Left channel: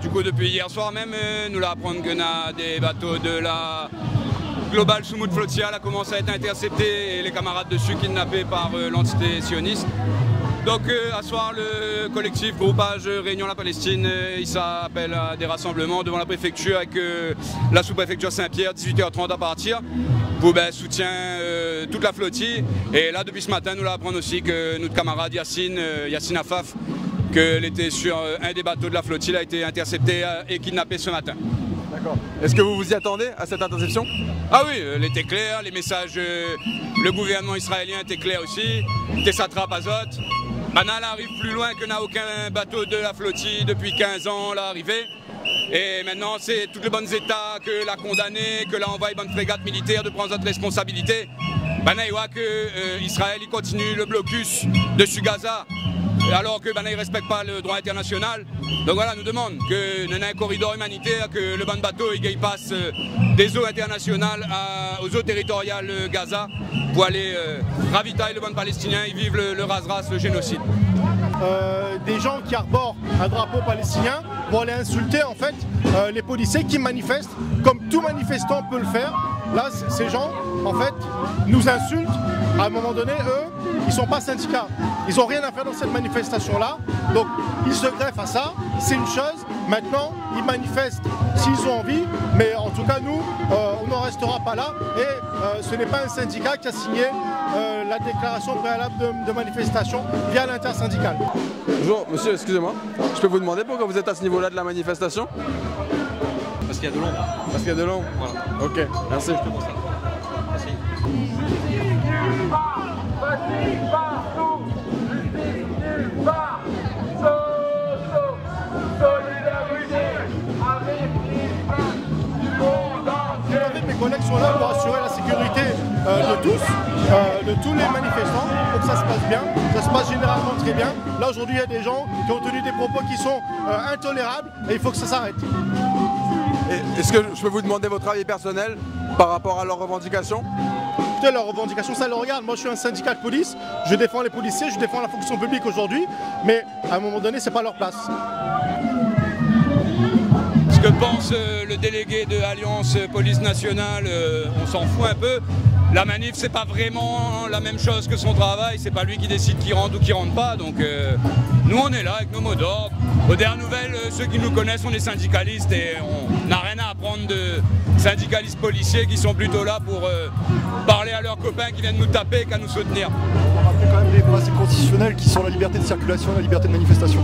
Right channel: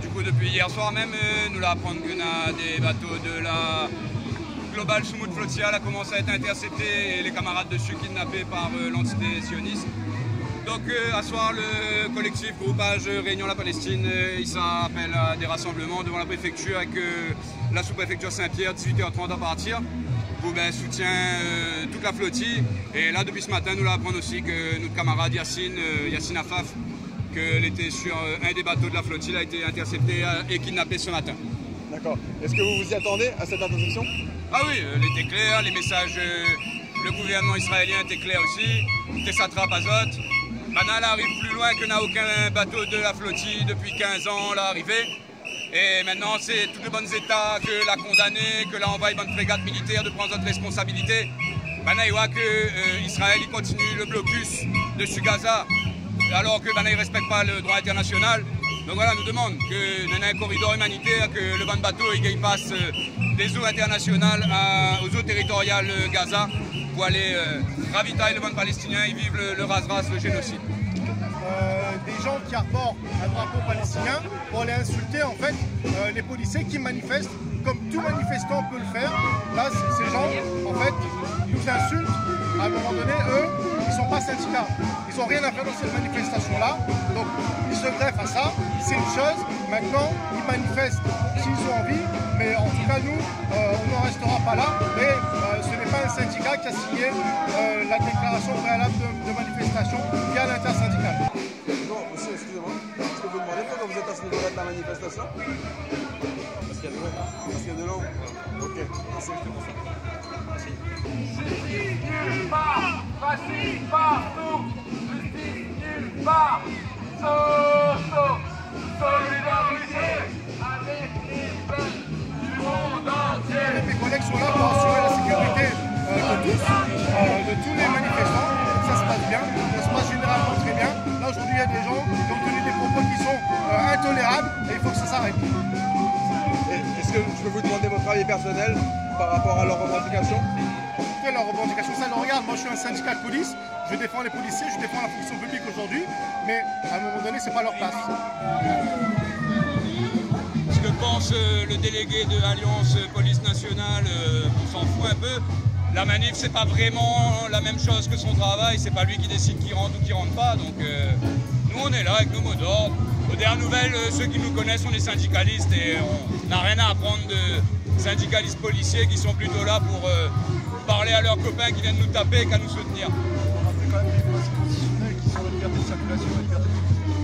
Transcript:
du coup, depuis hier soir même, nous l'apprendre que des bateaux de la Global Soumoud Flotilla a commencé à être interceptés et les camarades dessus kidnappés par l'entité sioniste. Donc à soir, le collectif groupage Réunion la Palestine, il s'appelle à des rassemblements devant la préfecture avec la sous-préfecture Saint-Pierre, 18h30 à partir, pour soutien toute la flottille. Et là, depuis ce matin, nous l'apprendre aussi que notre camarade Yassine Afaf, qu'elle était sur un des bateaux de la flottille, a été intercepté et kidnappé ce matin. D'accord. Est-ce que vous vous y attendez à cette interception? Ah oui, elle était claire, les messages, le gouvernement israélien était clair aussi, Tessatrap Azot. Maintenant, elle arrive plus loin que n'a aucun bateau de la flottille depuis 15 ans, l'arrivée. Et maintenant, c'est tous les bons États que l'a condamné, que l'a envoyé bonne frégate militaire de prendre notre responsabilité. Maintenant, il voit que Israël il continue le blocus dessus Gaza, alors que il ne respecte pas le droit international. Donc voilà, nous demande que nous ayons un corridor humanitaire, que le bon bateau il passe des eaux internationales aux eaux territoriales Gaza pour aller ravitailler le bon palestinien et vivre le ras-ras, le génocide. Des gens qui arborent un drapeau palestinien vont aller insulter en fait les policiers qui manifestent, comme tout manifestant peut le faire. Là, ces gens, en fait, nous insultent. À un moment donné, eux, ils ne sont pas syndicats. Ils n'ont rien à faire dans cette manifestation-là. Donc, ils se greffent à ça. C'est une chose. Maintenant, ils manifestent s'ils ont envie. Mais en tout cas, nous, on n'en restera pas là. Et ce n'est pas un syndicat qui a signé la déclaration préalable de manifestation via l'intersyndicale. Bonjour, monsieur, excusez-moi. Je peux vous demander pourquoi vous êtes à ce niveau-là de la manifestation? Parce qu'il y a de l'ombre. Parce qu'il y a de l'ombre. Voilà. Ok, merci. Facile partout, justice nulle part, solidarité, du monde entier. Mes collègues sont là pour assurer la sécurité de tous les manifestants, pour que ça se passe bien. Ça se passe généralement très bien. Là aujourd'hui il y a des gens qui ont tenu des propos qui sont intolérables et il faut que ça s'arrête. Est-ce que je peux vous demander votre avis personnel par rapport à leurs revendications? Écoutez, leurs revendications, ça le regarde. Moi je suis un syndicat de police, je défends les policiers, je défends la fonction publique aujourd'hui, mais à un moment donné c'est pas leur place. Ce que pense le délégué de Alliance Police Nationale, on s'en fout un peu. La manif, c'est pas vraiment la même chose que son travail, c'est pas lui qui décide qui rentre ou qui rentre pas. Donc nous on est là avec nos mots d'ordre. Aux dernières nouvelles, ceux qui nous connaissent, on est syndicalistes et on n'a rien à apprendre de syndicalistes policiers qui sont plutôt là pour parler à leurs copains qui viennent nous taper qu'à nous soutenir. On rappelle quand même des principes constitutionnels qui sont la liberté de circulation et la liberté de manifestation.